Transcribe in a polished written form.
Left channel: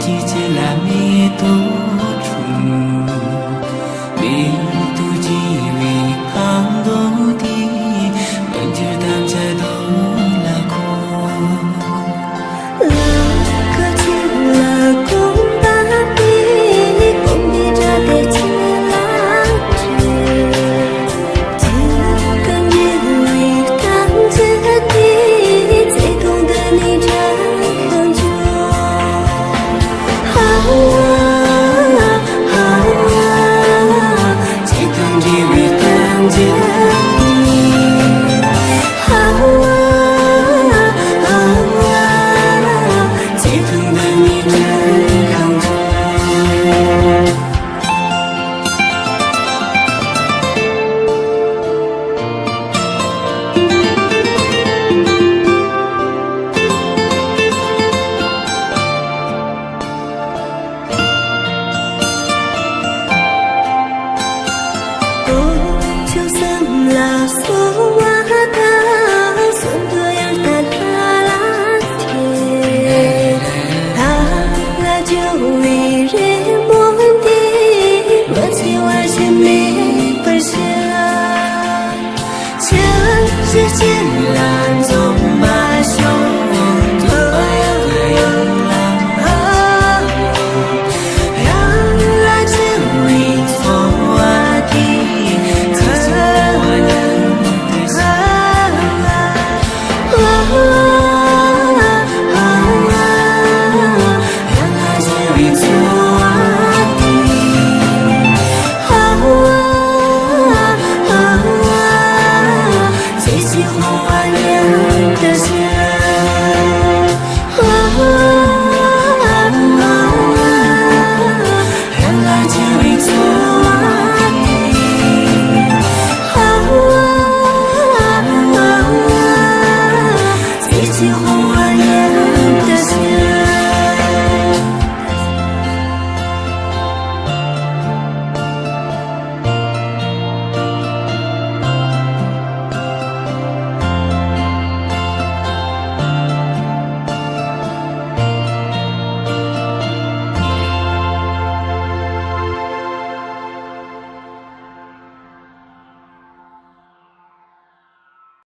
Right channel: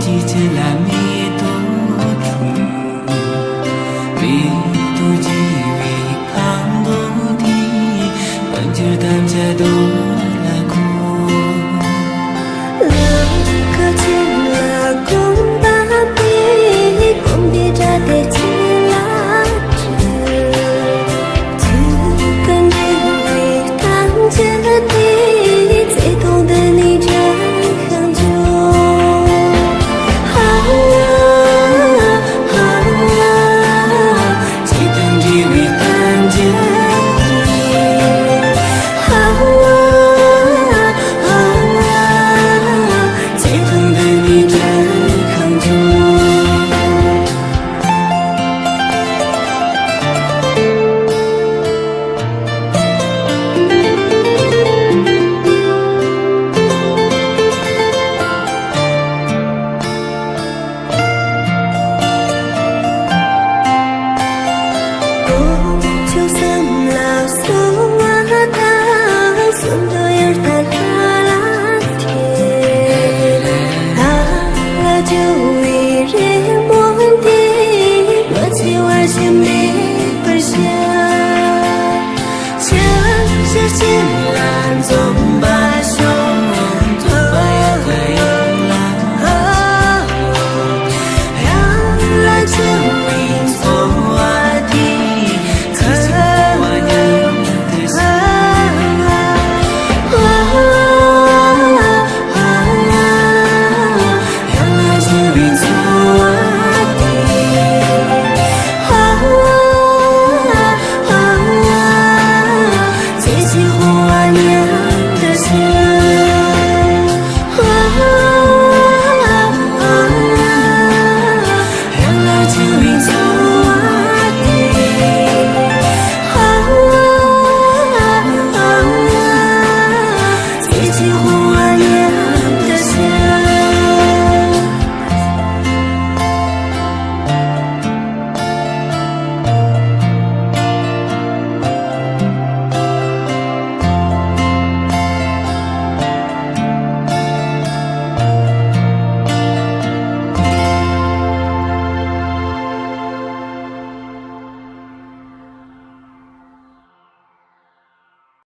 chỉ chỉ là mi tô trù mi tô chỉ vì khang đô đi vẫn chưa tham gia đô là cô là cơ chứ là cũng ba bi cũng đi ra để chỉ là trời chứ cần gì vì tháng chết đi dễ không để你真很久好啊好啊chỉ cần chỉ vì tham gia đi好啊好啊chỉ cần để你真很久就算了所谓的算对儿的拉天，他就一人莫的，我就爱些没。